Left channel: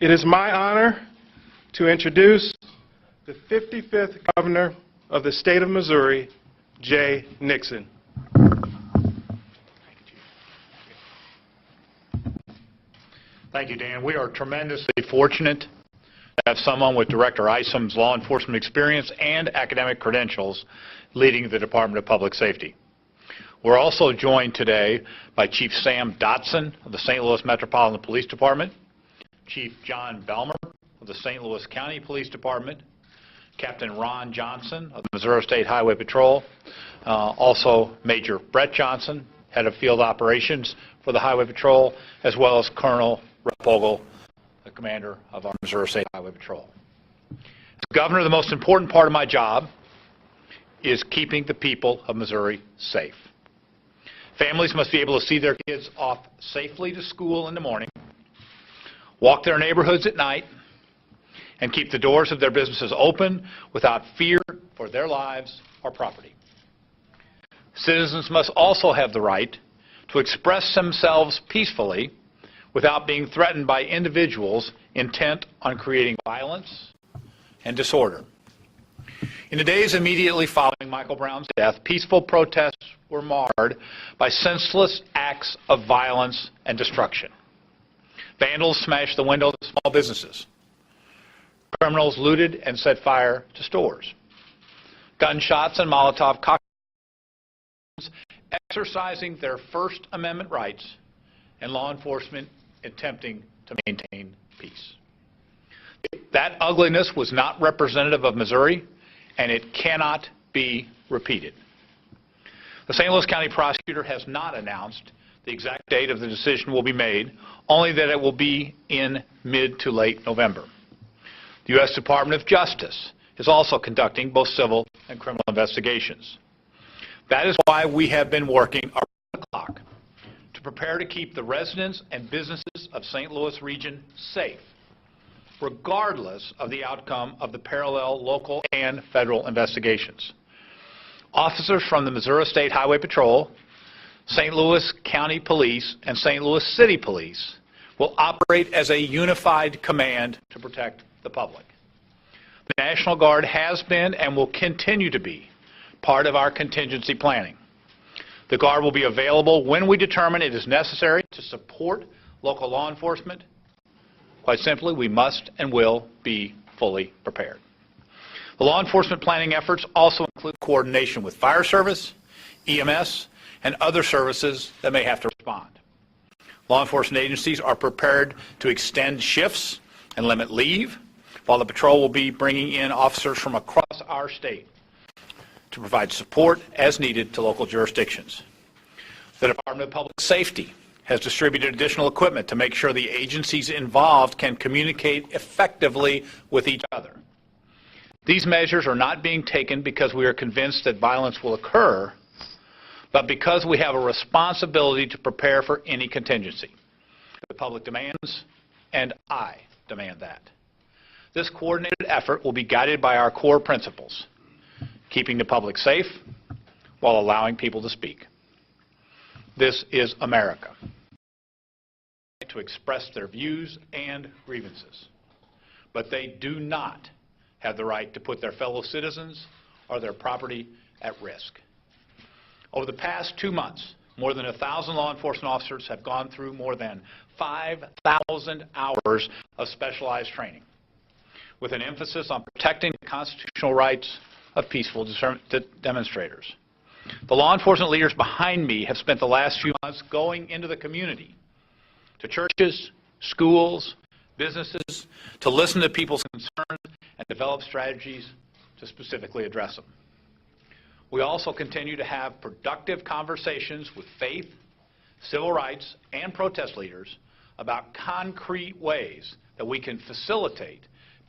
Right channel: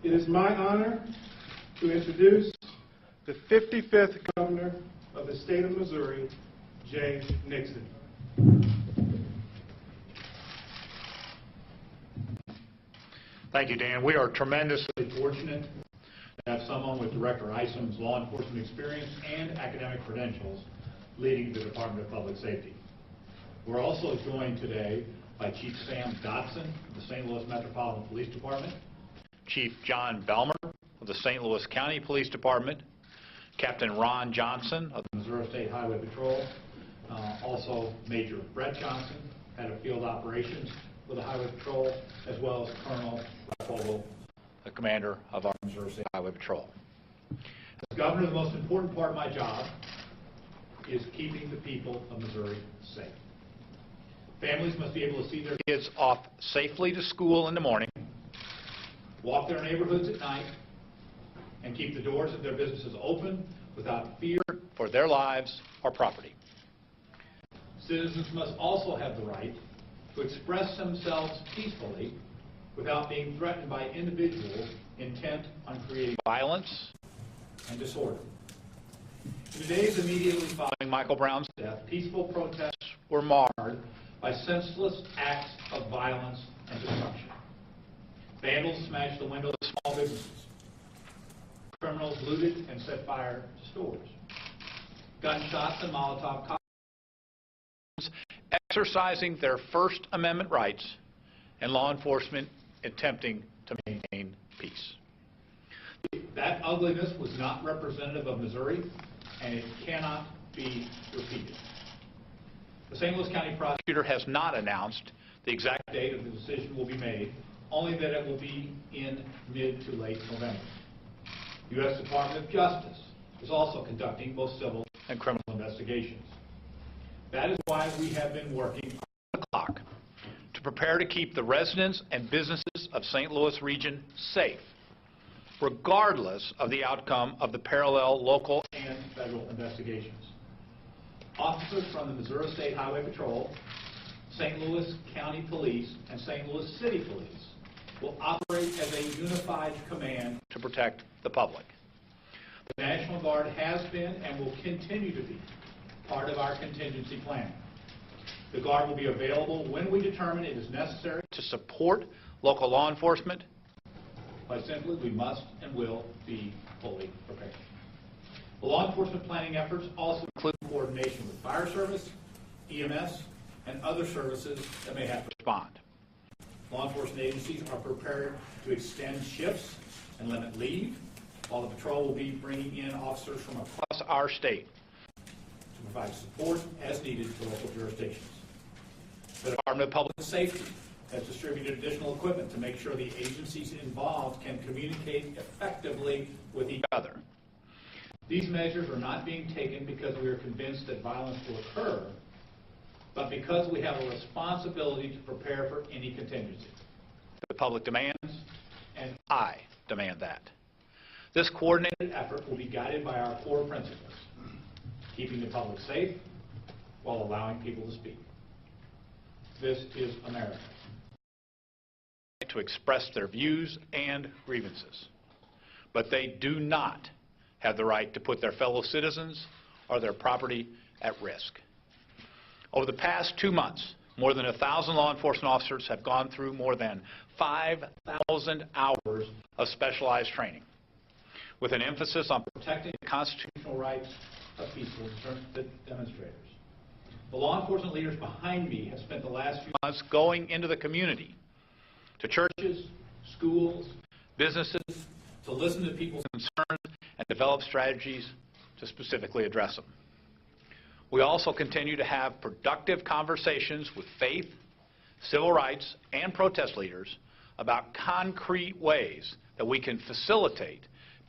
It is my honor to introduce the 55th Governor of the State of Missouri, Jay Nixon. Thank you, Dan. We are tremendously fortunate to have someone with Director Isom's law enforcement experience and academic credentials leading the Department of Public Safety. We're also joined today by Chief Sam Dotson of the St. Louis Metropolitan Police Department, Chief John Belmer of the St. Louis County Police Department, Captain Ron Johnson of the Missouri State Highway Patrol, also Major Brett Johnson, Head of Field Operations for the Highway Patrol, as well as Colonel Fogel, the Commander of our Missouri State Highway Patrol. As Governor, the most important part of my job is keeping the people of Missouri safe. Families must be able to see their kids off safely to school in the morning, walk their neighborhoods at night, and keep the doors of their businesses open without fear for their lives or property. Citizens must also have the right to express themselves peacefully without being threatened by individuals intent on creating violence and disorder. In the days immediately following Michael Brown's death, peaceful protests were marred by senseless acts of violence and destruction. Vandals smashed the windows of small businesses. Criminals looted and set fire to stores. Gunshots and Molotov cocktails exercising their First Amendment rights, and law enforcement attempting to maintain peace. That ugliness was not representative of Missouri, and it cannot be repeated. The St. Louis County prosecutor has not announced the exact date of the decision will be made, only that it will be in mid to late November. The U.S. Department of Justice is also conducting both civil and criminal investigations. That is why we have been working around the clock to prepare to keep the residents and businesses of St. Louis region safe, regardless of the outcome of the parallel local and federal investigations. Officers from the Missouri State Highway Patrol, St. Louis County Police, and St. Louis City Police will operate as a unified command to protect the public. The National Guard has been and will continue to be part of our contingency planning. The Guard will be available when we determine it is necessary to support local law enforcement. Quite simply, we must and will be fully prepared. The law enforcement planning efforts also include coordination with fire service, EMS, and other services that may have to respond. Law enforcement agencies are prepared to extend shifts and limit leave, while the patrol will be bringing in officers from across our state to provide support as needed to local jurisdictions. The Department of Public Safety has distributed additional equipment to make sure the agencies involved can communicate effectively with each other. These measures are not being taken because we are convinced that violence will occur, but because we have a responsibility to prepare for any contingency. The public demands, and I demand that. This coordinated effort will be guided by our core principles: keeping the public safe while allowing people to speak. This is America. To express their views and grievances, but they do not have the right to put their fellow citizens or their property at risk. Over the past 2 months, more than 1,000 law enforcement officers have gone through more than 5,000 hours of specialized training, with an emphasis on protecting the constitutional rights of peaceful demonstrators. The law enforcement leaders behind me have spent the last few months going into the community, to churches, schools, businesses, to listen to people's concerns and develop strategies to specifically address them. We also continue to have productive conversations with faith, civil rights, and protest leaders about concrete ways that we can facilitate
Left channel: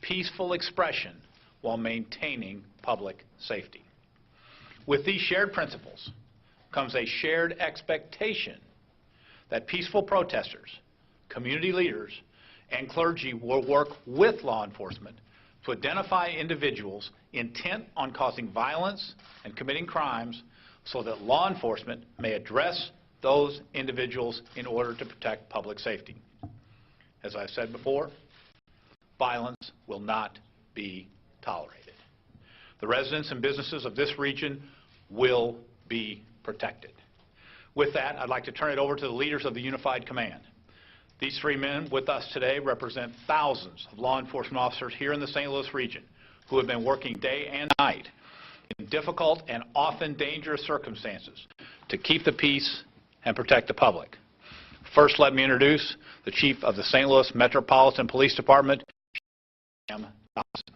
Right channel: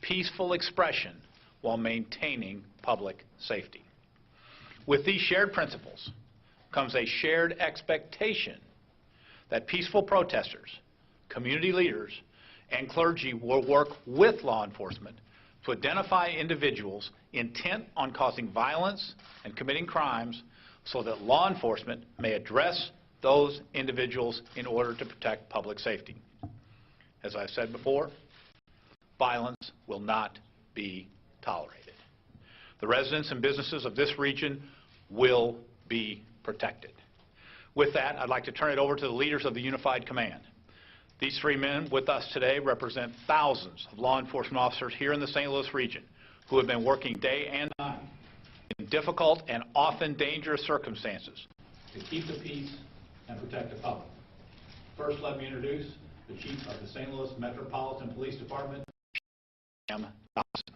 peaceful expression while maintaining public safety. With these shared principles comes a shared expectation that peaceful protesters, community leaders, and clergy will work with law enforcement to identify individuals intent on causing violence and committing crimes so that law enforcement may address those individuals in order to protect public safety. As I've said before, violence will not be tolerated. The residents and businesses of this region will be protected. With that, I'd like to turn it over to the leaders of the Unified Command. These three men with us today represent thousands of law enforcement officers here in the St. Louis region who have been working day and night in difficult and often dangerous circumstances to keep the peace and protect the public. First, let me introduce the Chief of the St. Louis Metropolitan Police Department, Sam Johnson.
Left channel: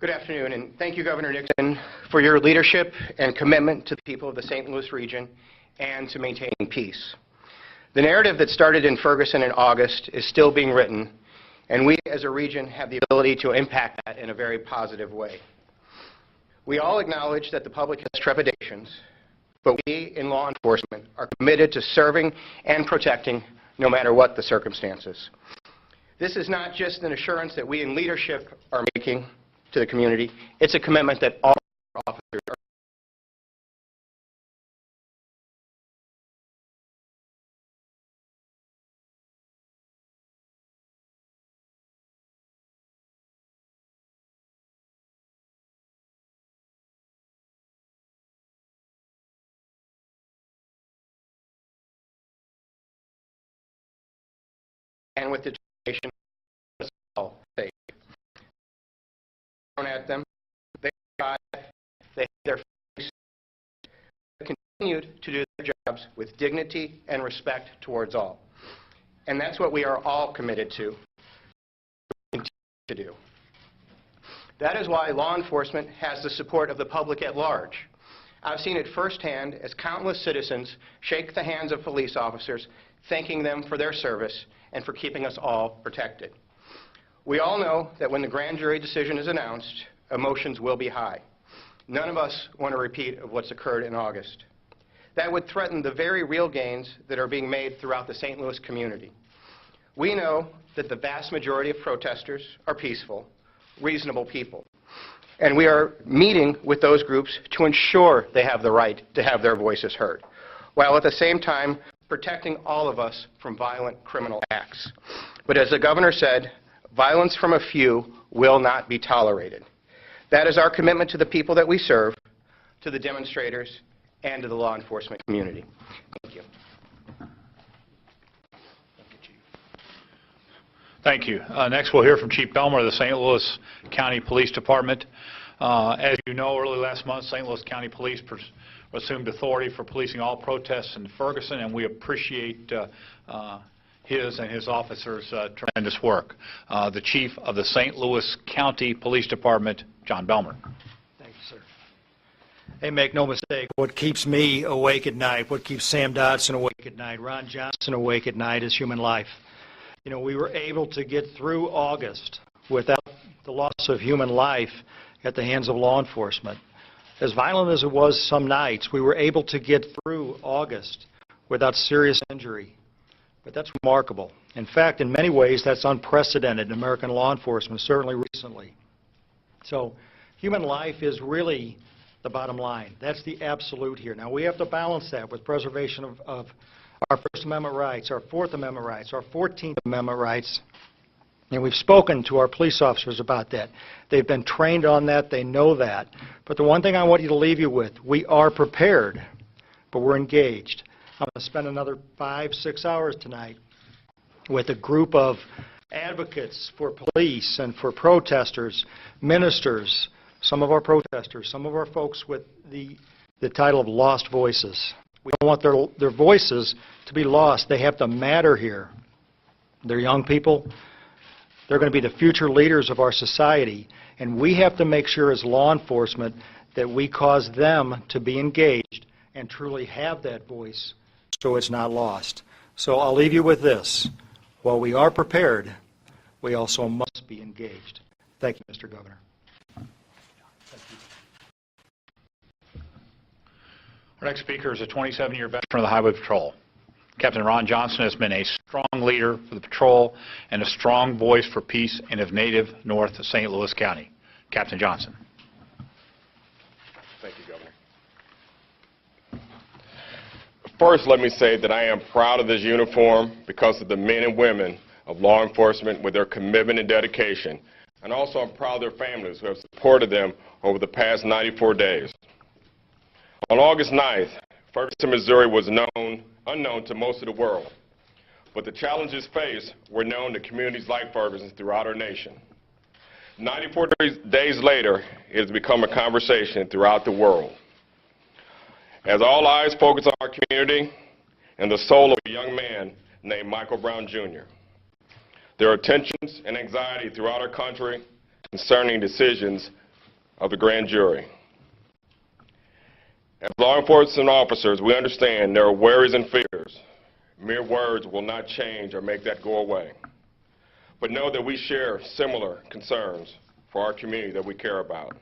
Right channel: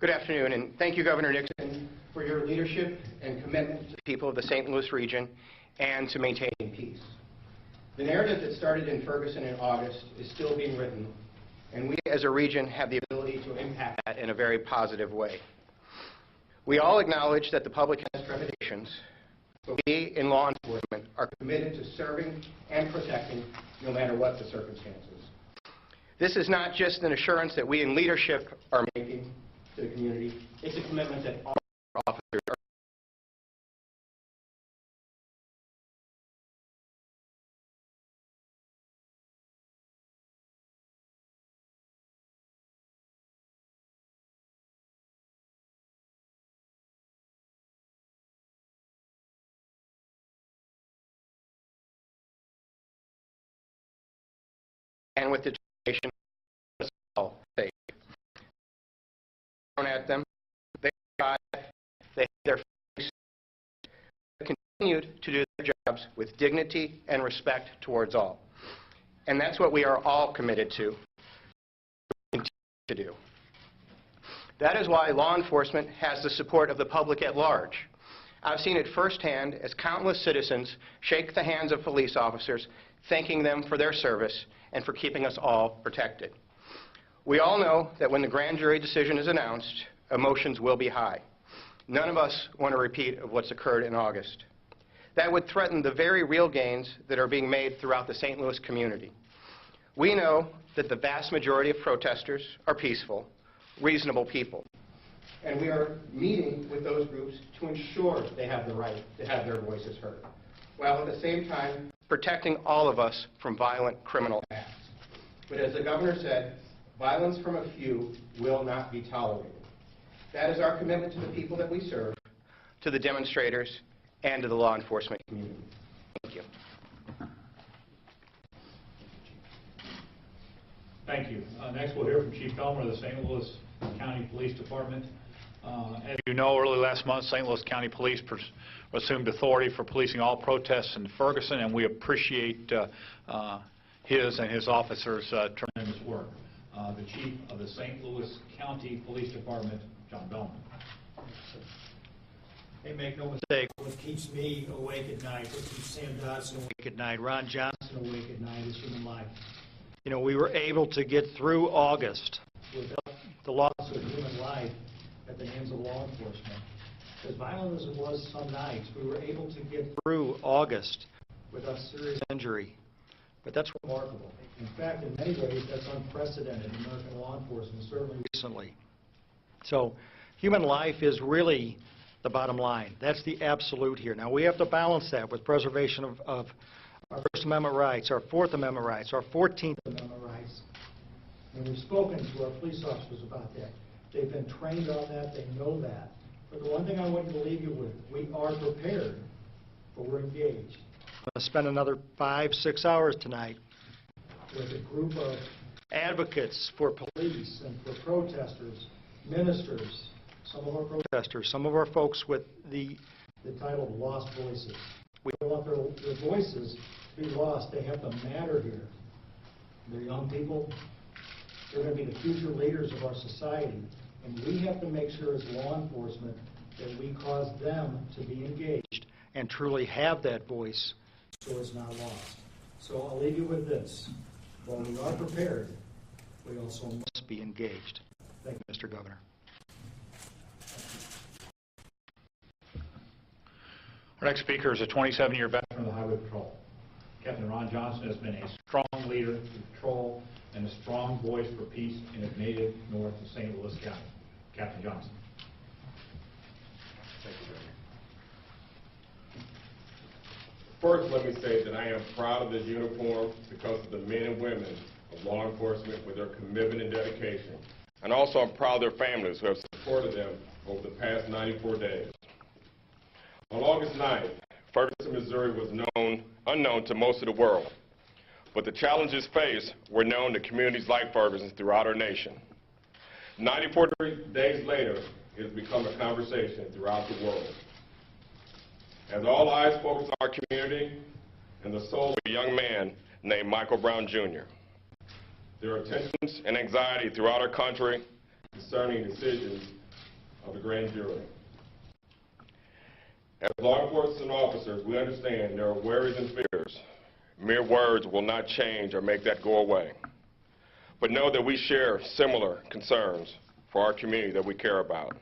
Good afternoon, and thank you, Governor Nixon, for your leadership and commitment to the people of the St. Louis region and to maintaining peace. The narrative that started in Ferguson in August is still being written, and we as a region have the ability to impact that in a very positive way. We all acknowledge that the public has trepidations, but we in law enforcement are committed to serving and protecting no matter what the circumstances. This is not just an assurance that we in leadership are making to the community, it's a commitment that all officers are. And with determination, all safe. Thrown at them, they tried, they had their face, continued to do their jobs with dignity and respect towards all. And that's what we are all committed to continue to do. That is why law enforcement has the support of the public at large. I've seen it firsthand as countless citizens shake the hands of police officers, thanking them for their service and for keeping us all protected. We all know that when the grand jury decision is announced, emotions will be high. None of us want a repeat of what's occurred in August. That would threaten the very real gains that are being made throughout the St. Louis community. We know that the vast majority of protesters are peaceful, reasonable people. And we are meeting with those groups to ensure they have the right to have their voices heard, while at the same time protecting all of us from violent criminal acts. But as the governor said, violence from a few will not be tolerated. That is our commitment to the people that we serve, to the demonstrators, and to the law enforcement community. Thank you. Thank you. Next, we'll hear from Chief Belmer of the St. Louis County Police Department. As you know, early last month, St. Louis County Police assumed authority for policing all protests in Ferguson, and we appreciate his and his officers' tremendous work. The Chief of the St. Louis County Police Department, John Belmer. Thank you, sir. Hey, make no mistake, what keeps me awake at night, what keeps Sam Dodson awake at night, Ron Johnson awake at night is human life. You know, we were able to get through August without the loss of human life at the hands of law enforcement. As violent as it was some nights, we were able to get through August without serious injury. But that's remarkable. In fact, in many ways, that's unprecedented in American law enforcement, certainly recently. So human life is really the bottom line. That's the absolute here. Now, we have to balance that with preservation of our First Amendment rights, our Fourth Amendment rights, our 14th Amendment rights. And we've spoken to our police officers about that. They've been trained on that. They know that. But the one thing I want you to leave you with, we are prepared, but we're engaged. I'm going to spend another 5-6 hours tonight with a group of advocates for police and for protesters, ministers, some of our protesters, some of our folks with the title of lost voices. We don't want their voices to be lost. They have to matter here. They're young people. They're going to be the future leaders of our society. And we have to make sure as law enforcement that we cause them to be engaged and truly have that voice so it's not lost. So I'll leave you with this. While we are prepared, we also must be engaged. Thank you, Mr. Governor. Our next speaker is a 27-year veteran of the Highway Patrol. Captain Ron Johnson has been a strong leader for the patrol and a strong voice for peace in his native North St. Louis County. Captain Johnson. Thank you, Governor. First, let me say that I am proud of this uniform because of the men and women of law enforcement with their commitment and dedication. And also I'm proud of their families who have supported them over the past 94 days. On August 9th, Ferguson, Missouri was unknown to most of the world, but the challenges faced were known to communities like Ferguson throughout our nation. 94 days later, it has become a conversation throughout the world. As all eyes focus on our community and the soul of a young man named Michael Brown, Jr., there are tensions and anxiety throughout our country concerning decisions of the grand jury. As law enforcement officers, we understand there are worries and fears. Mere words will not change or make that go away. But know that we share similar concerns for our community that we care about.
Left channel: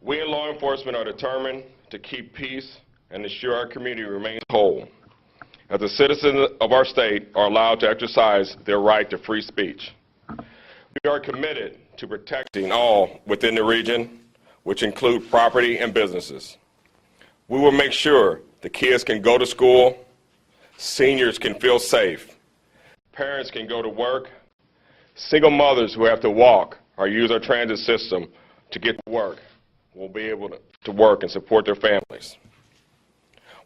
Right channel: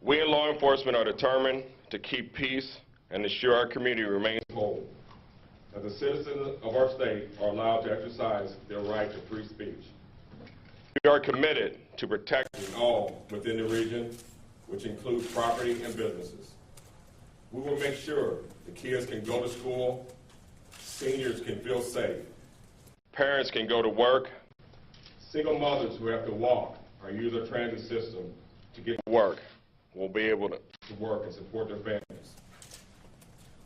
We in law enforcement are determined to keep peace and ensure our community remains whole, as the citizens of our state are allowed to exercise their right to free speech. We are committed to protecting all within the region, which include property and businesses. We will make sure the kids can go to school, seniors can feel safe, parents can go to work, single mothers who have to walk or use our transit system to get to work will be able to work and support their families.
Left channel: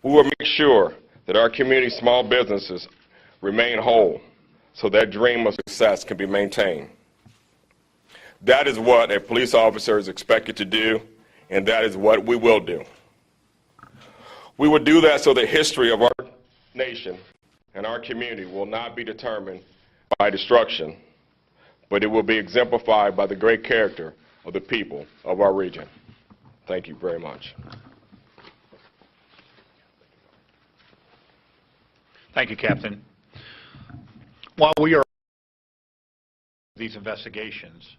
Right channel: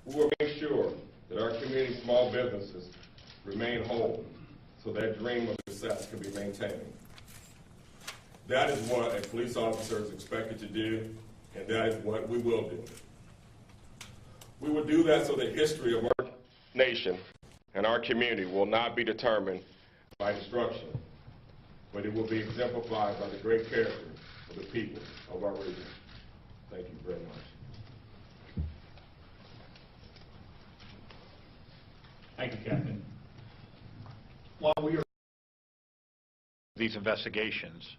We will make sure that our community small businesses remain whole so that dream of success can be maintained. That is what a police officer is expected to do, and that is what we will do. We will do that so the history of our nation and our community will not be determined by destruction, but it will be exemplified by the great character of the people of our region. Thank you very much. Thank you, Captain. While we are these investigations,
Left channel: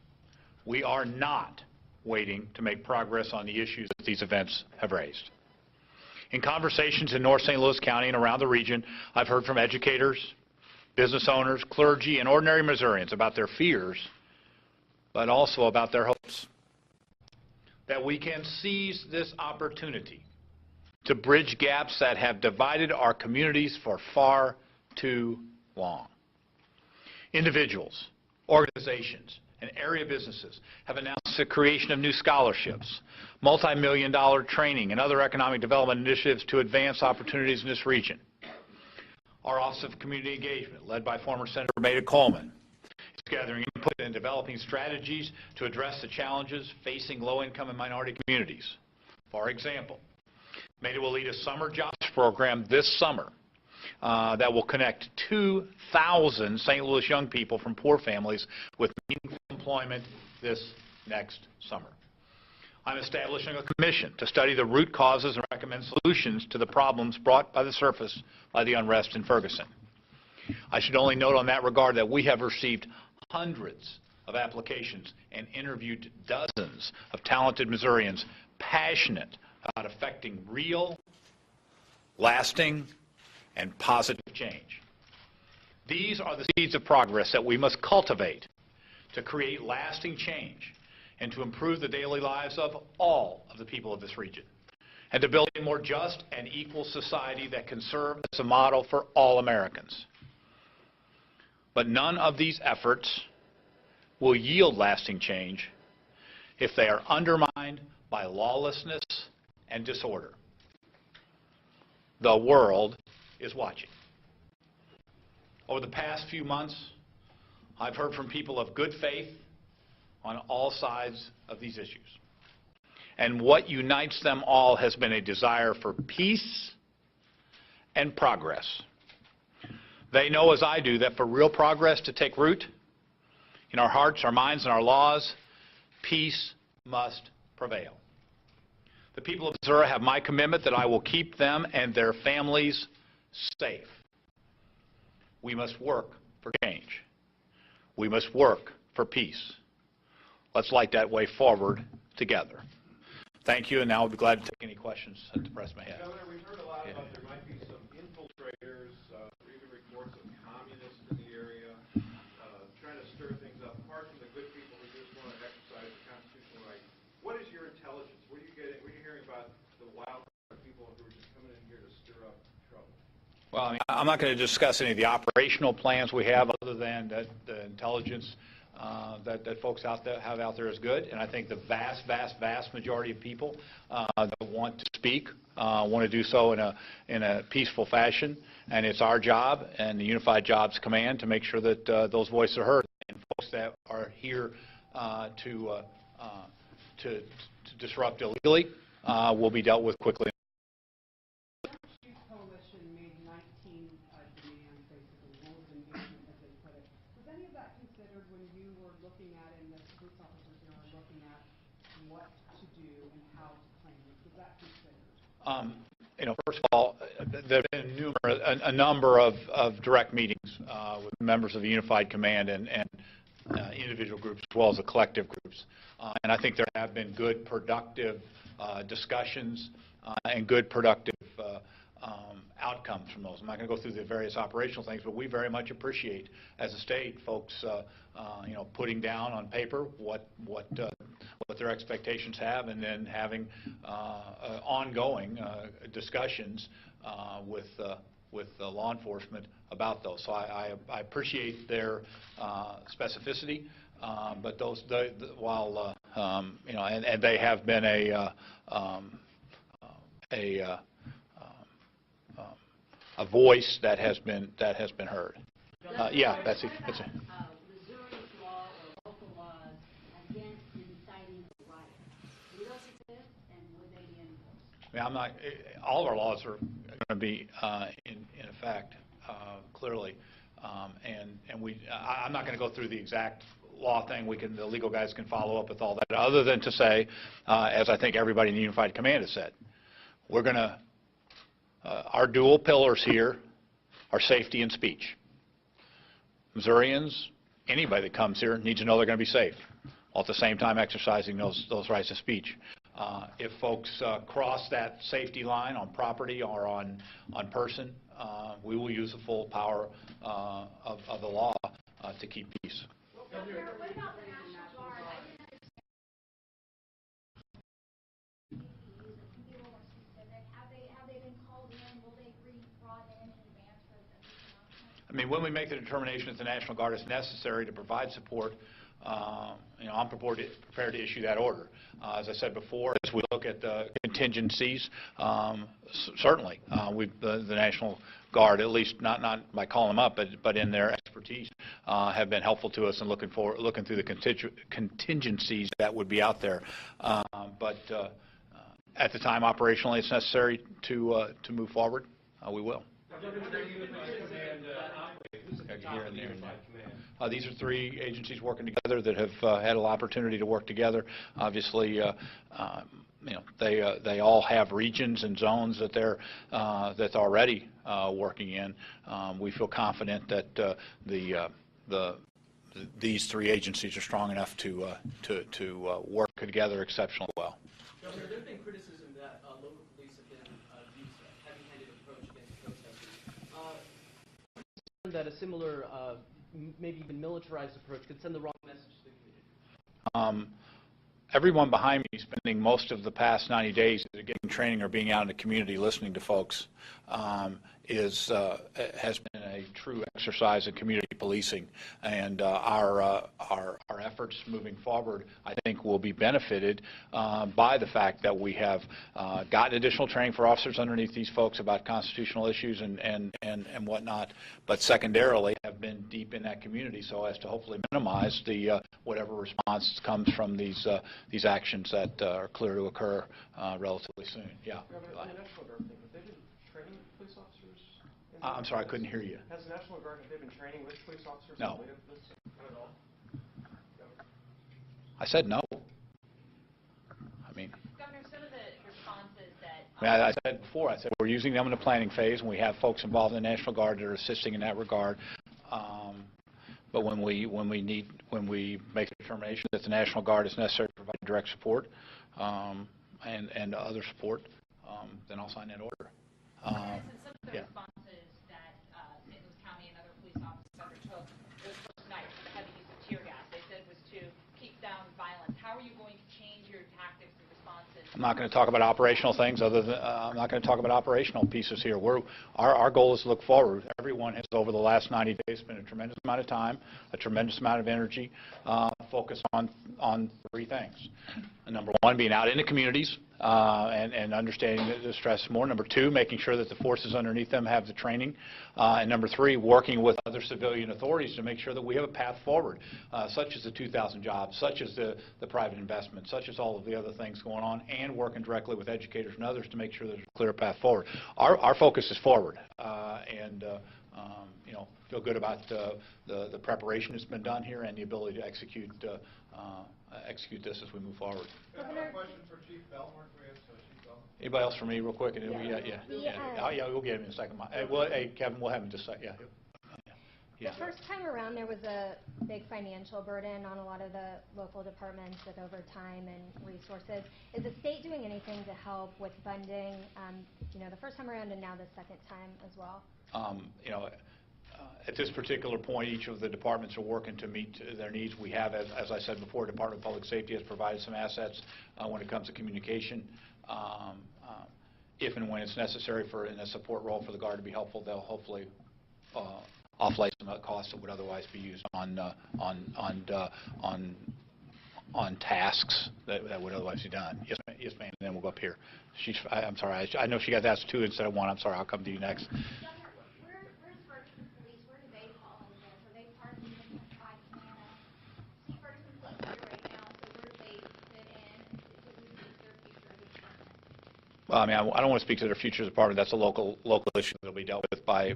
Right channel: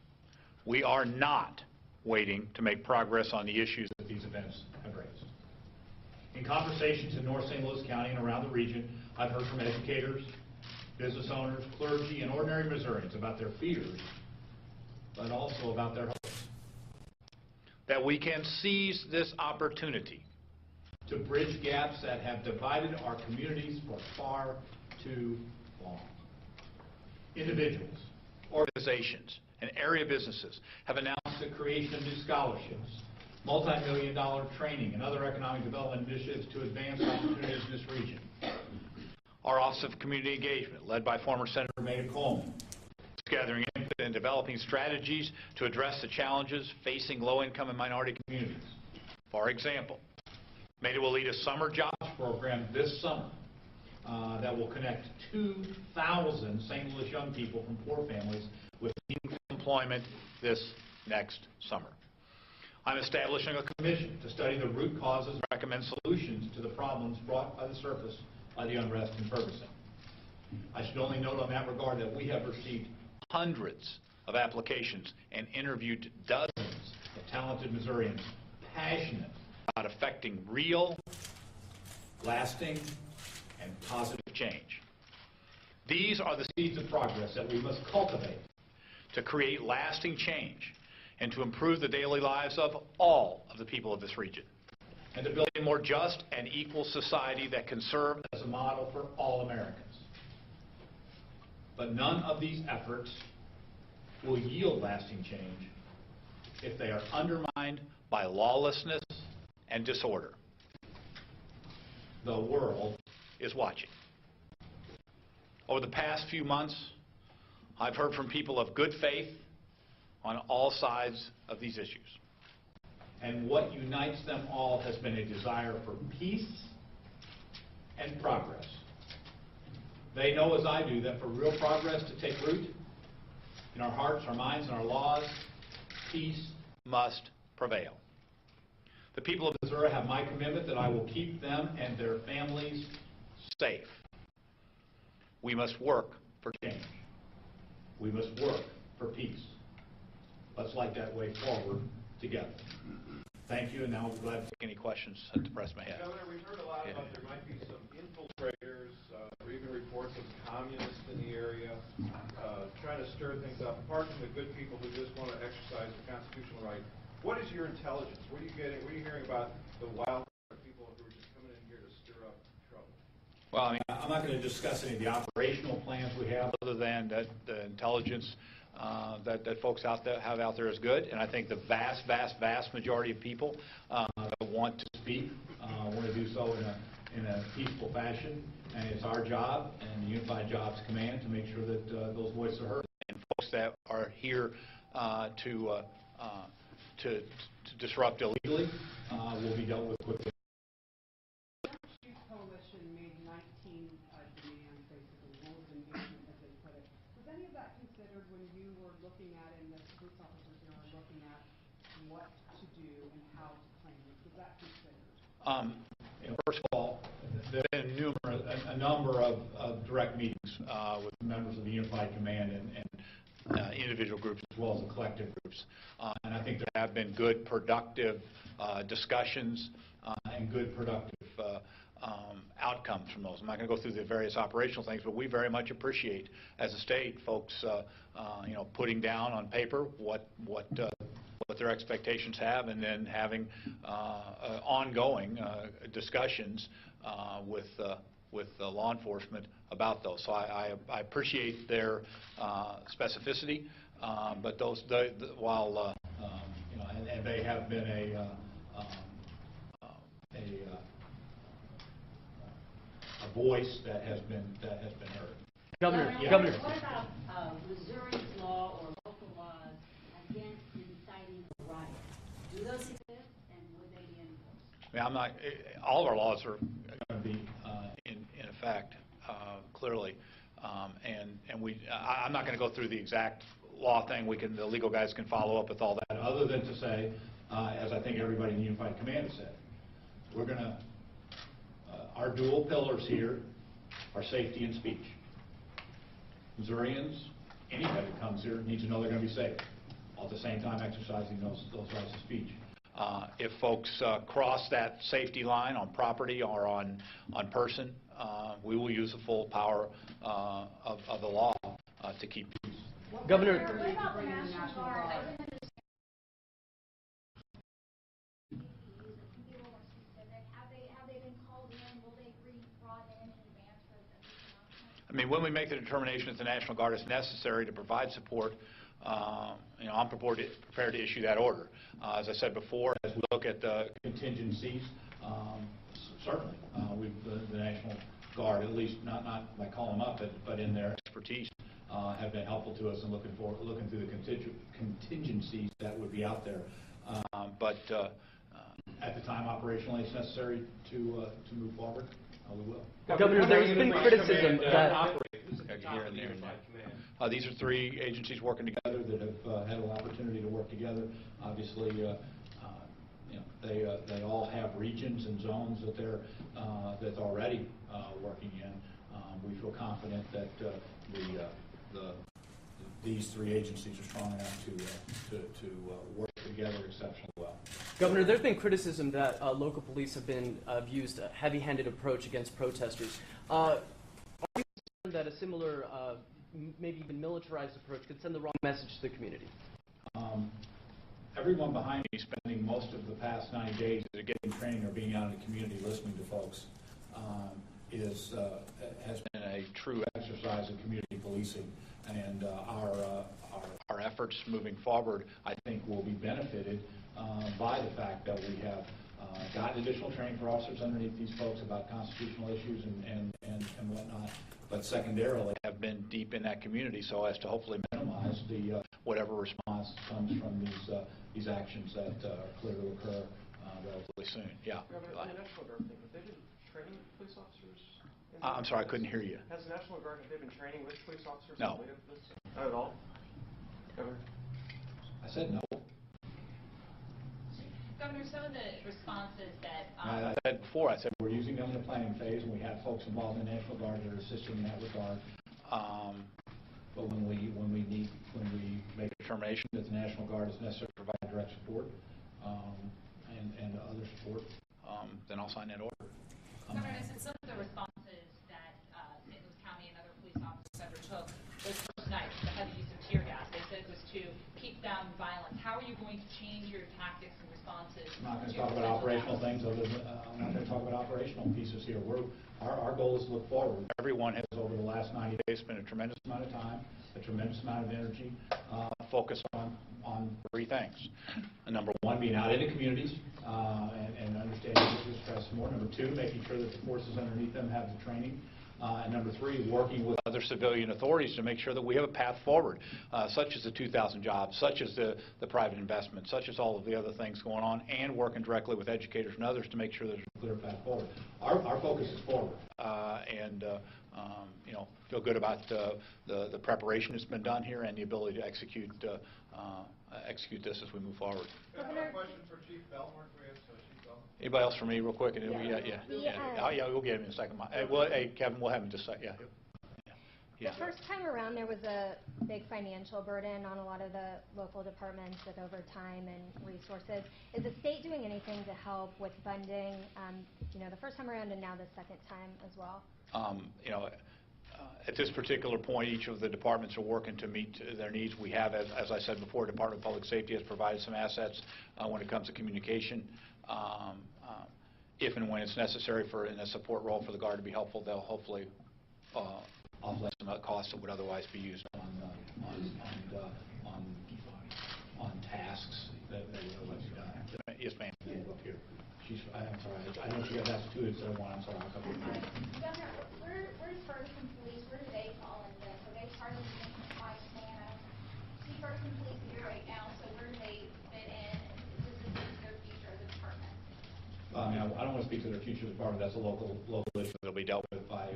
we are not waiting to make progress on the issues that these events have raised. In conversations in North St. Louis County and around the region, I've heard from educators, business owners, clergy, and ordinary Missourians about their fears, but also about their hopes. That we can seize this opportunity to bridge gaps that have divided our communities for far too long. Individuals, organizations, and area businesses have announced the creation of new scholarships, multi-million-dollar training, and other economic development initiatives to advance opportunities in this region. Our Office of Community Engagement, led by former Senator Maida Coleman, is gathering input and developing strategies to address the challenges facing low-income and minority communities. For example, Maida will lead a summer jobs program this summer that will connect 2,000 St. Louis young people from poor families with meaningful employment this next summer. I'm establishing a commission to study the root causes and recommend solutions to the problems brought by the surface by the unrest in Ferguson. I should only note on that regard that we have received hundreds of applications and interviewed dozens of talented Missourians passionate about effecting real, lasting, and positive change. These are the seeds of progress that we must cultivate to create lasting change and to improve the daily lives of all of the people of this region, and to build a more just and equal society that can serve as a model for all Americans. But none of these efforts will yield lasting change if they are undermined by lawlessness and disorder. The world is watching. Over the past few months, I've heard from people of good faith on all sides of these issues. And what unites them all has been a desire for peace and progress. They know, as I do, that for real progress to take root in our hearts, our minds, and our laws, peace must prevail. The people of Missouri have my commitment that I will keep them and their families safe. We must work for change. We must work for peace. Let's light that way forward together. Thank you, and now I'll be glad to take any questions that the press may have. Governor, we've heard a lot about there might be some infiltrators or even reporting communists in the area trying to stir things up, apart from the good people who just want to exercise the constitutional right. What is your intelligence? What are you hearing about the wild people who are just coming in here to stir up Well, I mean, I'm not going to discuss any of the operational plans we have, other than that the intelligence that folks out there have out there is good, and I think the vast majority of people that want to speak want to do so in a peaceful fashion, and it's our job and the Unified Jobs Command to make sure that those voices are heard, and folks that are here to disrupt illegally will be dealt with quickly. Coalition made 19 demands, basically, rules of engagement, as they put it. Was any of that considered when you were looking at it, and the police officers here are looking at what to do and how to claim it? Was that considered? You know, first of all, there have been a number of direct meetings with members of the Unified Command and individual groups as well as the collective groups. And I think there have been good, productive discussions and good, productive outcomes from those. I'm not going to go through the various operational things, but we very much appreciate, as a state, folks you know, putting down on paper what their expectations have, and then having ongoing discussions with law enforcement about those. So I appreciate their specificity, but those, while you know, and they have been a voice that has been heard. Governor, Yeah, Governor, that's it. what about Missouri's law or local laws against inciting a riot? Do those exist, and would they be enforced? I mean, I'm not. All of our laws are going to be in effect, clearly, and I'm not going to go through the exact law thing. The legal guys can follow up with all that. Other than to say, as I think everybody in the Unified Command has said, we're going to. Our dual pillars here are safety and speech. Missourians, anybody that comes here, needs to know they're going to be safe, while at the same time exercising those rights of speech. If folks cross that safety line on property or on person, we will use the full power of the law to keep peace. Governor, I mean, when we make the determination that the National Guard is necessary to provide support, you know, I'm prepared to issue that order. As I said before, as we look at the contingencies, certainly, the National Guard, at least not by calling them up, but in their expertise, have been helpful to us in looking through the contingencies that would be out there. But at the time, operationally, it's necessary to move forward. We will. Governor, there's been criticism that Here and there. These are three agencies working together that have had an opportunity to work together. Obviously, you know, they all have regions and zones that they're that's already working in. We feel confident that these three agencies are strong enough to work together exceptionally well. Governor, there's been criticism that local police have used a heavy-handed approach against protesters. Are you concerned that a similar, maybe even militarized approach could send the wrong message to the community? Everyone behind me spending most of the past 90 days either getting training or being out in the community listening to folks has been a true exercise in community policing, and our efforts moving forward, I think, will be benefited by the fact that we have gotten additional training for officers underneath these folks about constitutional issues and whatnot, but secondarily have been deep in that community so as to hopefully minimize the whatever response comes from these actions that are clear to occur relatively soon. Yeah. On the National Guard thing, have they been training police officers? I'm sorry, I couldn't hear you. Has the National Guard, have they been training with police officers? No. This? Not at all? I said no. I mean, Governor, some of the responses that... I said before, I said we're using them in the planning phase, and we have folks involved in the National Guard that are assisting in that regard. But when we make a determination that the National Guard is necessary to provide direct support and other support, then I'll sign that order. Governor, some of the responses that St. Louis County and other police officers undertook those first nights, the heavy use of tear gas, they said was to keep down violence. How are you going to change your tactics and responses? I'm not going to talk about operational things other than, I'm not going to talk about operational pieces here. Our goal is to look forward. Everyone has, over the last 90 days, spent a tremendous amount of time, a tremendous amount of energy, focused on three things. Number one, being out in the communities and understanding the stress more. Number two, making sure that the forces underneath them have the training. And number three, working with other civilian authorities to make sure that we have a path forward, such as the 2,000 jobs, such as the private investment, such as all of the other things going on, and working directly with educators and others to make sure there's a clear path forward. Our focus is forward, and you know, feel good about the preparation that's been done here and the ability to execute this as we move forward. I have a question for Chief Belmore. Can we ask Chief Belmore? Anybody else for me, real quick? Yeah, we'll get him in a second. Hey, Kevin, we'll have him just a second. The first time around, there was a big financial burden on a lot of the local departments with overtime and resources. Is the state doing anything to help with funding, you know, the first time around and now the second time as well? You know, at this particular point, each of the departments are working to meet their needs. We have, as I said before, Department of Public Safety has provided some assets when it comes to communication. If and when it's necessary in a support role for the Guard to be helpful, they'll hopefully offlay some costs that would otherwise be used on tasks that would otherwise be done. Yes, ma'am. And then we'll go up here. I'm sorry. I know she got asked two instead of one. I'm sorry. I'll come to you next. Where does Ferguson Police, where do they fall in this? Are they part of the same lifespan of, see, Ferguson Police here right now, so where do they fit in? Does this their future as a department? Well, I mean, I don't want to speak to their future as a department. That's a local issue that will be dealt with by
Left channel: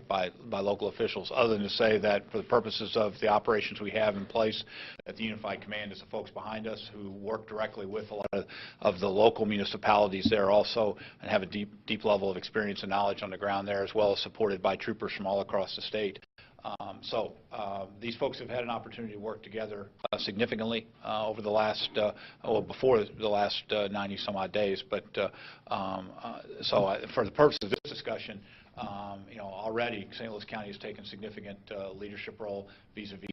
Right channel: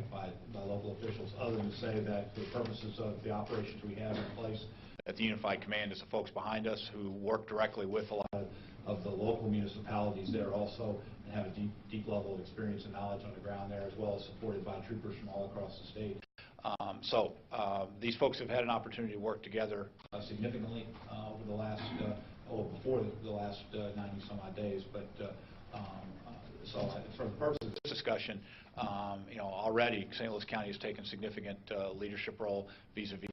local officials, other than to say that for the purposes of the operations we have in place at the Unified Command is the folks behind us who work directly with a lot of the local municipalities there also and have a deep level of experience and knowledge on the ground there, as well as supported by troopers from all across the state. These folks have had an opportunity to work together significantly over the last, before the last 90-some-odd days. But for the purpose of this discussion, you know, already St. Louis County has taken significant leadership role vis-a-vis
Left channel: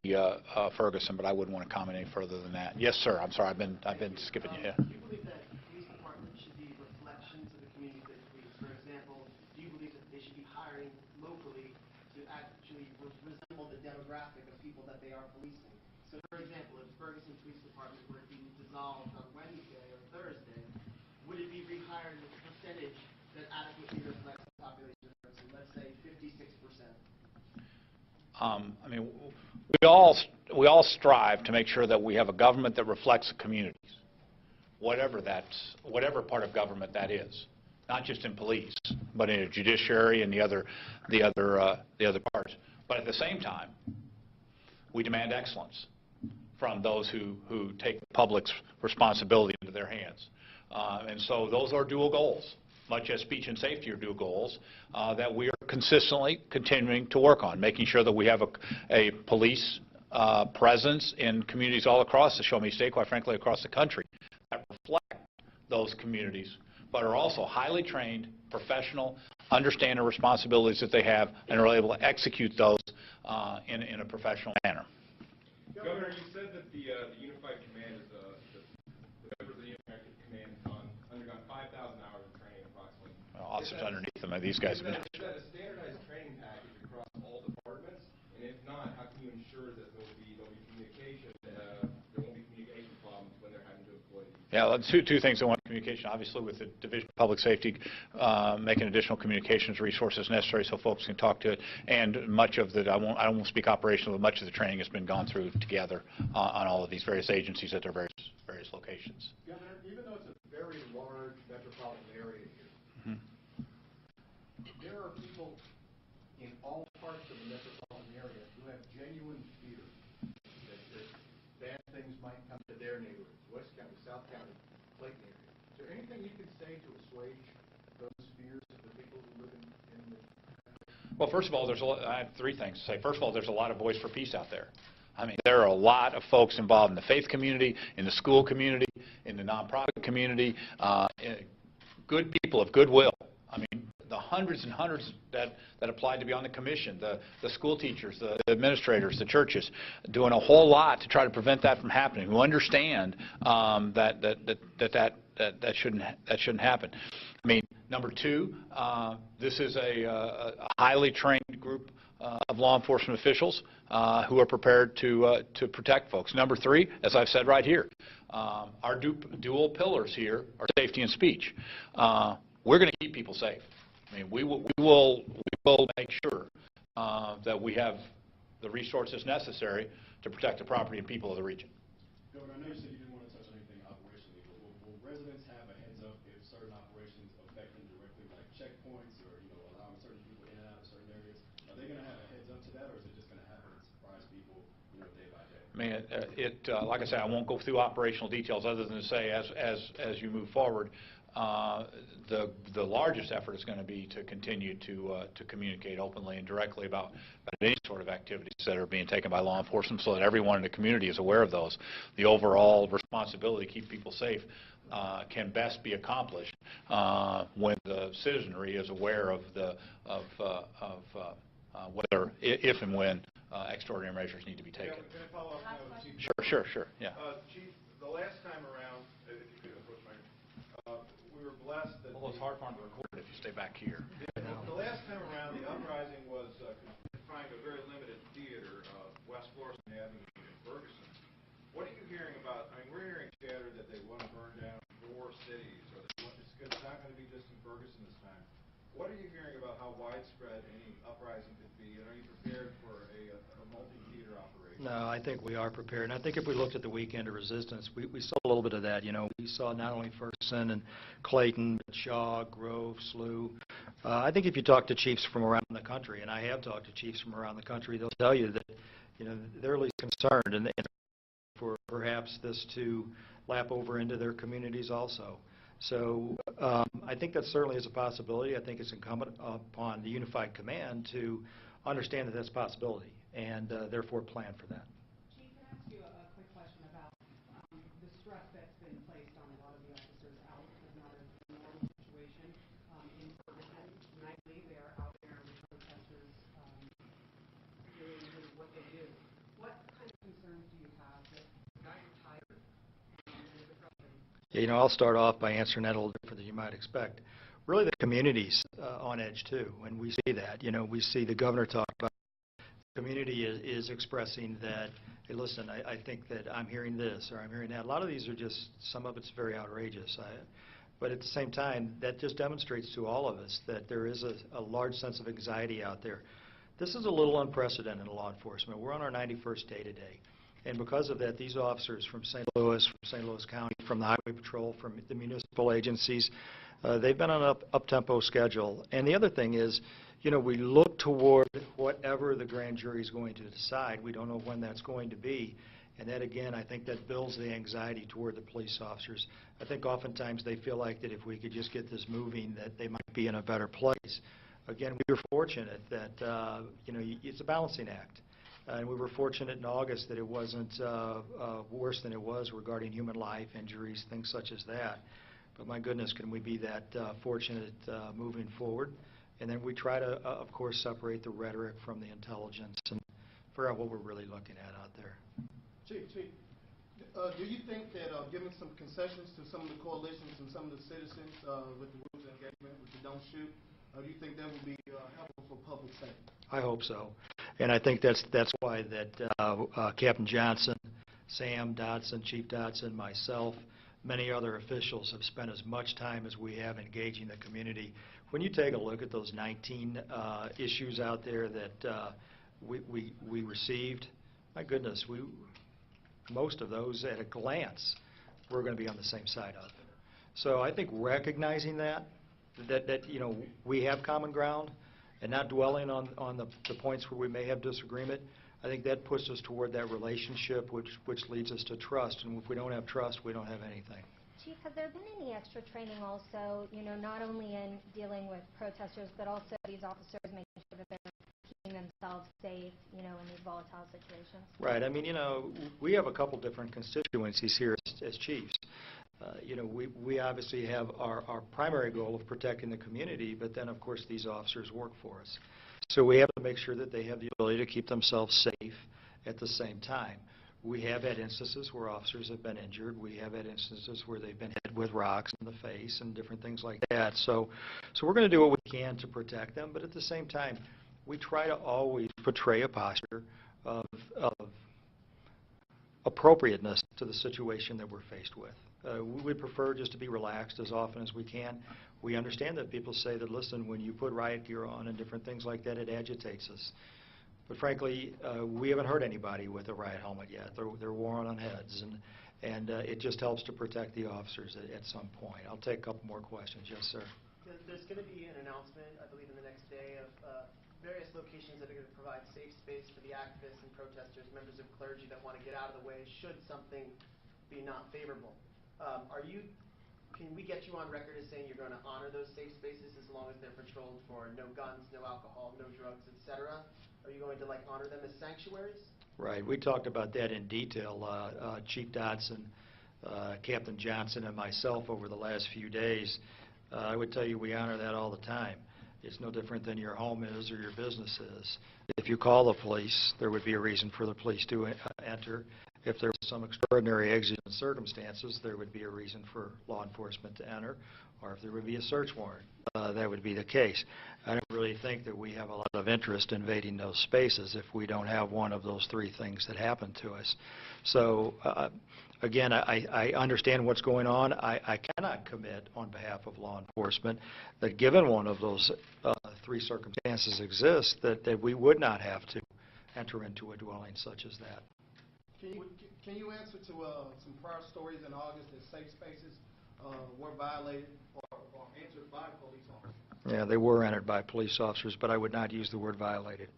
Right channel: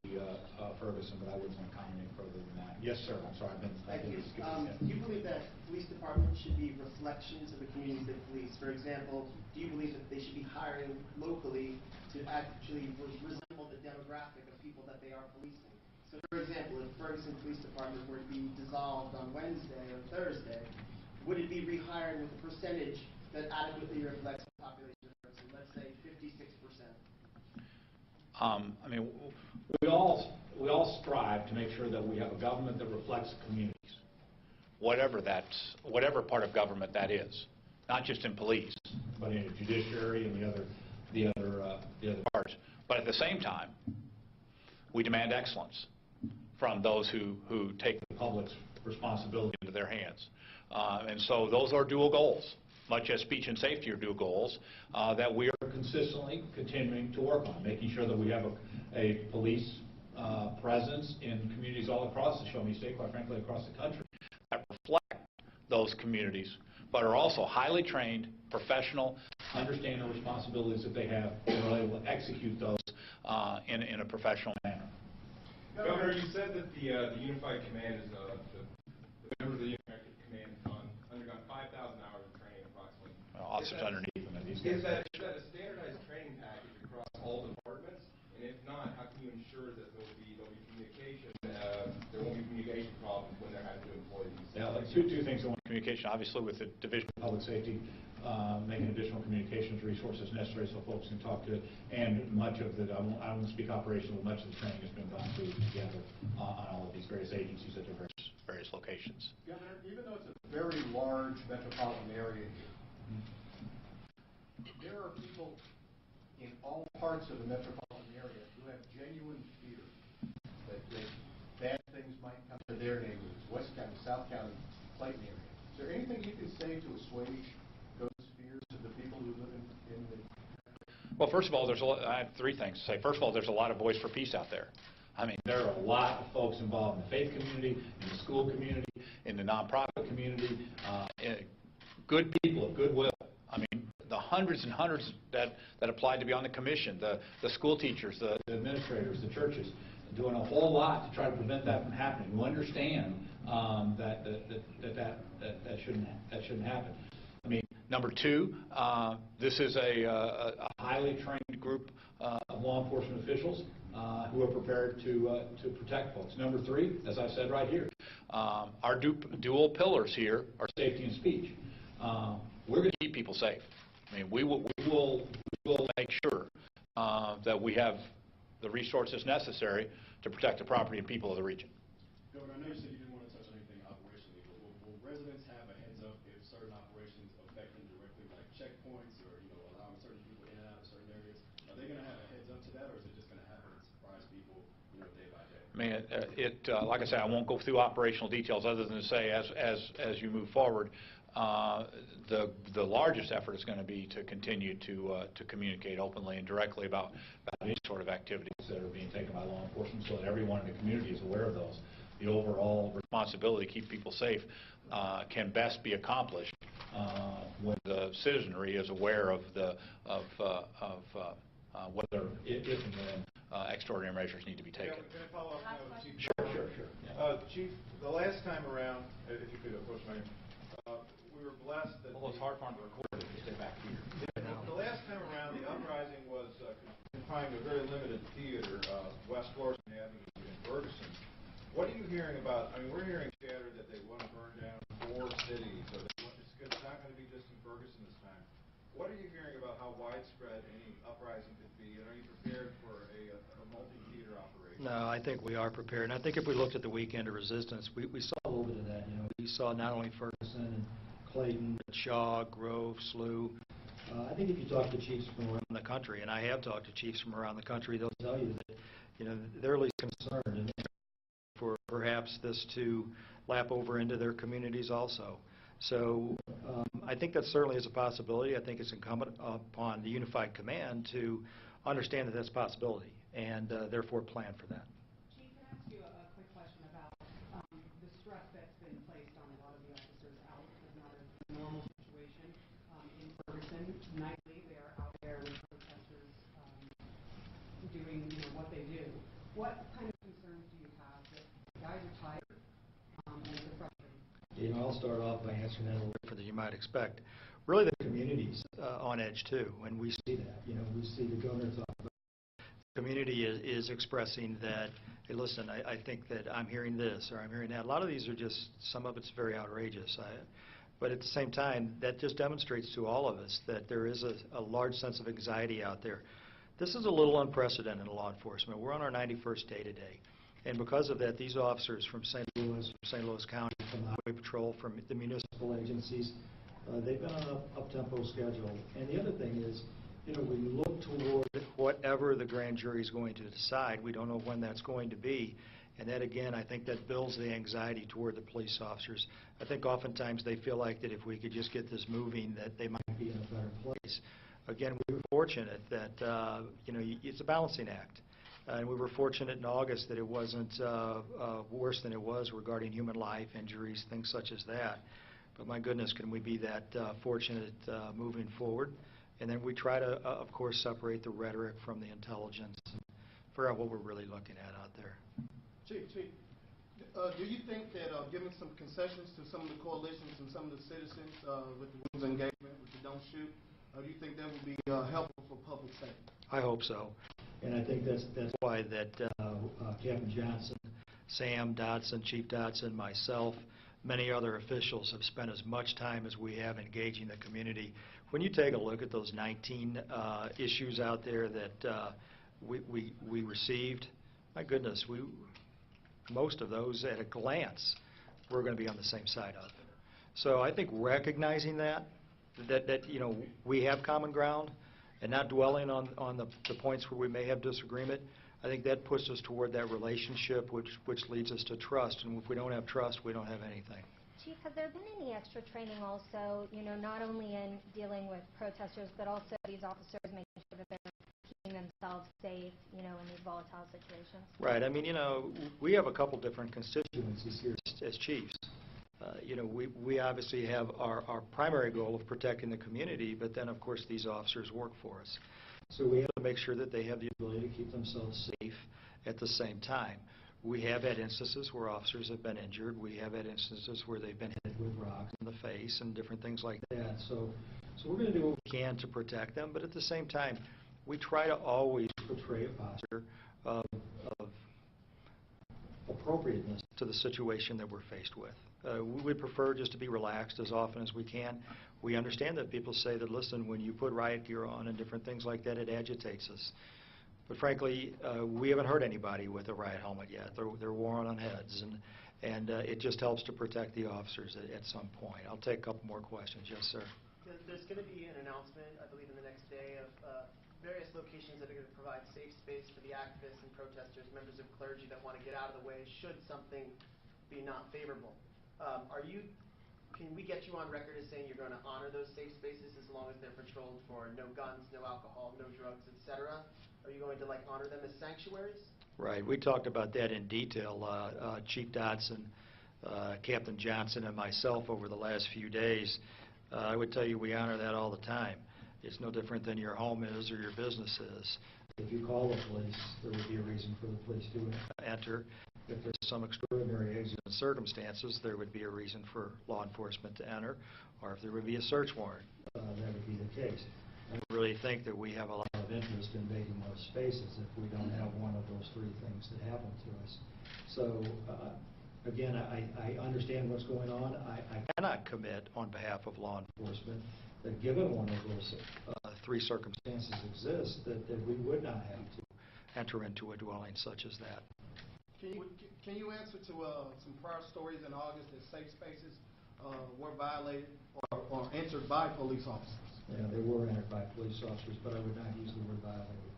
Ferguson, but I wouldn't want to comment any further than that. Yes, sir. I'm sorry. I've been skipping you. Do you believe that police departments should be reflections of the communities they police? For example, do you believe that they should be hiring locally to actually resemble the demographic of people that they are policing? So, for example, if Ferguson Police Department were to be dissolved on Wednesday or Thursday, would it be rehired with a percentage that adequately reflects the population of Ferguson? Let's say 56%. I mean, we all strive to make sure that we have a government that reflects the communities, whatever part of government that is, not just in police, but in a judiciary and the other parts. But at the same time, we demand excellence from those who take the public's responsibility into their hands. And so those are dual goals, much as speech and safety are dual goals, that we are consistently continuing to work on, making sure that we have a police presence in communities all across the Show-Me State, quite frankly, across the country, that reflect those communities, but are also highly trained, professional, understand the responsibilities that they have, and are able to execute those in a professional manner. Governor, you said that the Unified Command is the members of the Unified Command have undergone 5,000 hours of training approximately. Officers underneath them, these guys. Is that a standardized training package across all departments? And if not, how can you ensure that there'll be communication, there won't be communication problems when they're having to employ these? Yeah, well, two things. One, communication, obviously, with the Division of Public Safety, making additional communications resources necessary so folks can talk to it. And much of the, I won't speak operational, but much of the training has been gone through together on all of these various agencies at their various locations. Governor, even though it's a very large metropolitan area here, there are people in all parts of the metropolitan area who have genuine fear that bad things might come to their neighborhoods, West County, South County, Clayton area. Is there anything you can say to assuage those fears of the people who live in the... Well, first of all, I have three things to say. First of all, there's a lot of voice for peace out there. I mean, there are a lot of folks involved in the faith community, in the school community, in the nonprofit community, good people of goodwill. I mean, the hundreds and hundreds that applied to be on the commission, the school teachers, the administrators, the churches, doing a whole lot to try to prevent that from happening, who understand that that shouldn't happen. I mean, number two, this is a highly trained group of law enforcement officials who are prepared to protect folks. Number three, as I've said right here, our dual pillars here are safety and speech. We're going to keep people safe. I mean, we will make sure that we have the resources necessary to protect the property and people of the region. Governor, I know you said you didn't want to touch on anything operationally, but will residents have a heads up if certain operations affect them directly, like checkpoints or allowing certain people in and out of certain areas? Are they going to have a heads up to that, or is it just going to happen and surprise people, day by day? I mean, like I say, I won't go through operational details other than to say, as you move forward, the largest effort is going to be to continue to communicate openly and directly about any sort of activities that are being taken by law enforcement, so that everyone in the community is aware of those. The overall responsibility to keep people safe can best be accomplished when the citizenry is aware of whether, if and when extraordinary measures need to be taken. Can I follow up now with Chief? Sure. Yeah. Chief, the last time around, if you could approach my, we were blessed that. Well, it's hard for them to record if you stay back here. The last time around, the uprising was confined to a very limited theater, West Florissant Avenue in Ferguson. What are you hearing about? I mean, we're hearing chatter that they want to burn down 4 cities, or it's not going to be just in Ferguson this time. What are you hearing about how widespread any uprising could be, and are you prepared for a multi-theater operation? No, I think we are prepared. And I think if we looked at the weekend of resistance, we saw a little bit of that. We saw not only Ferguson and Clayton, but Shaw, Grove, Slough. I think if you talk to chiefs from around the country, and I have talked to chiefs from around the country, they'll tell you that they're at least concerned and for perhaps this to lap over into their communities also. So I think that certainly is a possibility. I think it's incumbent upon the Unified Command to understand that that's a possibility and therefore plan for that. Chief, can I ask you a quick question about the stress that's been placed on a lot of the officers out of not a normal situation in Ferguson? Nightly, they are out there with protesters doing what they do. What kind of concerns do you have that guys are tired and it's frustrating? Yeah, I'll start off by answering that a little different than you might expect. Really, the community's on edge too, and we see that. We see the governor talk about the community is expressing that, hey, listen, I think that I'm hearing this or I'm hearing that. A lot of these are just, some of it's very outrageous. But at the same time, that just demonstrates to all of us that there is a large sense of anxiety out there. This is a little unprecedented in law enforcement. We're on our 91st day today. And because of that, these officers from St. Louis, from St. Louis County, from the Highway Patrol, from the municipal agencies, they've been on an up-tempo schedule. And the other thing is, we look toward whatever the grand jury is going to decide. We don't know when that's going to be. And that, again, I think that builds the anxiety toward the police officers. I think oftentimes they feel like that if we could just get this moving, that they might be in a better place. Again, we were fortunate that, it's a balancing act. And we were fortunate in August that it wasn't worse than it was regarding human life, injuries, things such as that. But my goodness, can we be that fortunate moving forward? And then we try to, of course, separate the rhetoric from the intelligence and figure out what we're really looking at out there. Chief, do you think that giving some concessions to some of the coalitions and some of the citizens with the rules of engagement, with the don't shoot, do you think that would be helpful for public safety? I hope so. And I think that's why that Captain Johnson, Sam Dotson, Chief Dotson, myself, many other officials have spent as much time as we have engaging the community. When you take a look at those 19 issues out there that we received, my goodness, most of those at a glance we're going to be on the same side of. So I think recognizing that we have common ground and not dwelling on the points where we may have disagreement, I think that puts us toward that relationship which leads us to trust. And if we don't have trust, we don't have anything. Chief, has there been any extra training also, not only in dealing with protesters, but also these officers making sure that they're keeping themselves safe, in these volatile situations? Right. I mean, we have a couple different constituencies here as chiefs. We obviously have our primary goal of protecting the community, but then, of course, these officers work for us. So we have to make sure that they have the ability to keep themselves safe at the same time. We have had instances where officers have been injured. We have had instances where they've been hit with rocks in the face and different things like that. So we're going to do what we can to protect them, but at the same time, we try to always portray a posture of appropriateness to the situation that we're faced with. We would prefer just to be relaxed as often as we can. We understand that people say that, listen, when you put riot gear on and different things like that, it agitates us. But frankly, we haven't hurt anybody with a riot helmet yet. They're worn on heads, and it just helps to protect the officers at some point. I'll take a couple more questions. Yes, sir. There's going to be an announcement, I believe, in the next day of various locations that are going to provide safe space for the activists and protesters, members of clergy that want to get out of the way should something be not favorable. Can we get you on record as saying you're going to honor those safe spaces as long as they're patrolled for no guns, no alcohol, no drugs, etc.? Are you going to honor them as sanctuaries? Right. We talked about that in detail, Chief Dodson, Captain Johnson, and myself over the last few days. I would tell you we honor that all the time. It's no different than your home is or your business is. If you call the police, there would be a reason for the police to enter. If there was some extraordinary exigent circumstances, there would be a reason for law enforcement to enter, or if there would be a search warrant, that would be the case. I don't really think that we have a lot of interest in invading those spaces if we don't have one of those three things that happen to us. So, again, I understand what's going on. I cannot commit on behalf of law enforcement that given one of those three circumstances exists, that we would not have to enter into a dwelling such as that. Can you answer to some prior stories in August that safe spaces were violated or entered by police officers? Yeah, they were entered by police officers, but I would not use the word violated.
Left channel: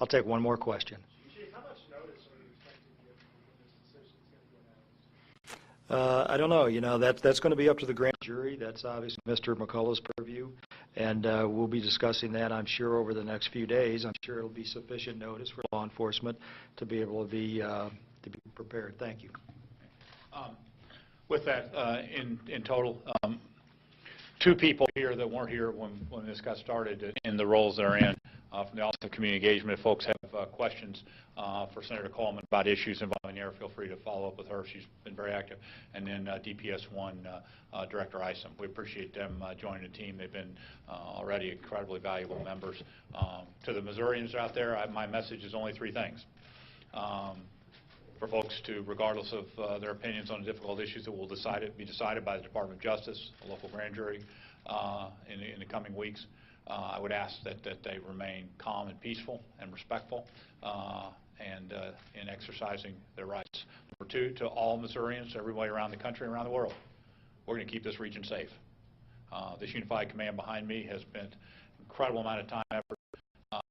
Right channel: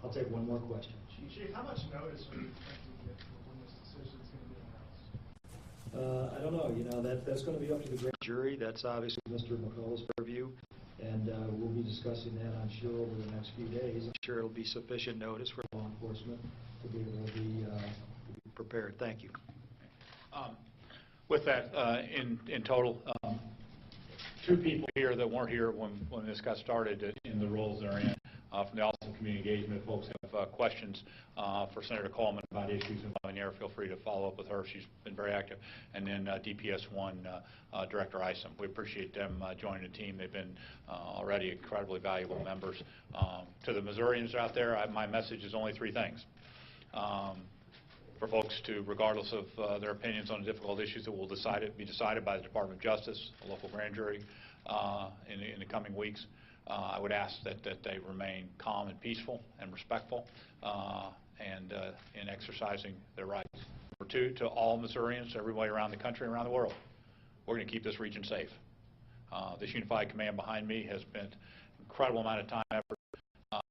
I'll take one more question. Chief, how much notice are you expecting to get when this decision is going to be announced? I don't know. You know, that's going to be up to the grand jury. That's obviously Mr. McCullough's purview, and we'll be discussing that, I'm sure, over the next few days. I'm sure it'll be sufficient notice for law enforcement to be able to be prepared. Thank you. With that, in total, two people here that weren't here when this got started in the roles they're in. From the Office of Community Engagement, if folks have questions for Senator Coleman about issues involving the air, feel free to follow up with her. She's been very active. And then DPS-1 Director Isom. We appreciate them joining the team. They've been already incredibly valuable members. To the Missourians out there, my message is only three things. For folks to, regardless of their opinions on difficult issues that will be decided by the Department of Justice, a local grand jury in the coming weeks, I would ask that they remain calm and peaceful and respectful in exercising their rights. Number two, to all Missourians, everybody around the country and around the world, we're going to keep this region safe. This unified command behind me has spent an incredible amount of time, effort,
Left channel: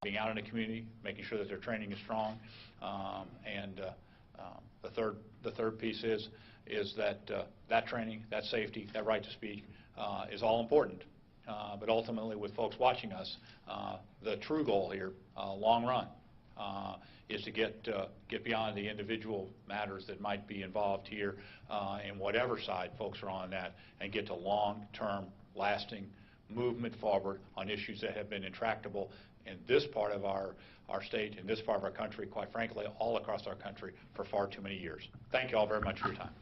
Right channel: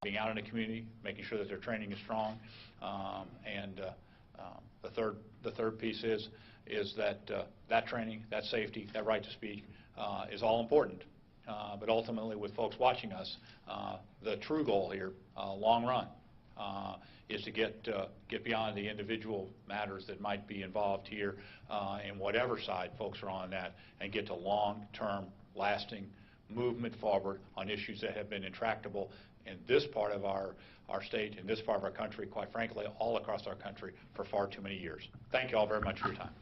being out in the community, making sure that their training is strong, the third piece is that that training, that safety, that right to speak is all important. But ultimately, with folks watching us, the true goal here, long run, is to get beyond the individual matters that might be involved here, in whatever side folks are on that, and get to long-term, lasting movement forward on issues that have been intractable in this part of our state, in this part of our country, quite frankly, all across our country for far too many years. Thank you all very much for your time.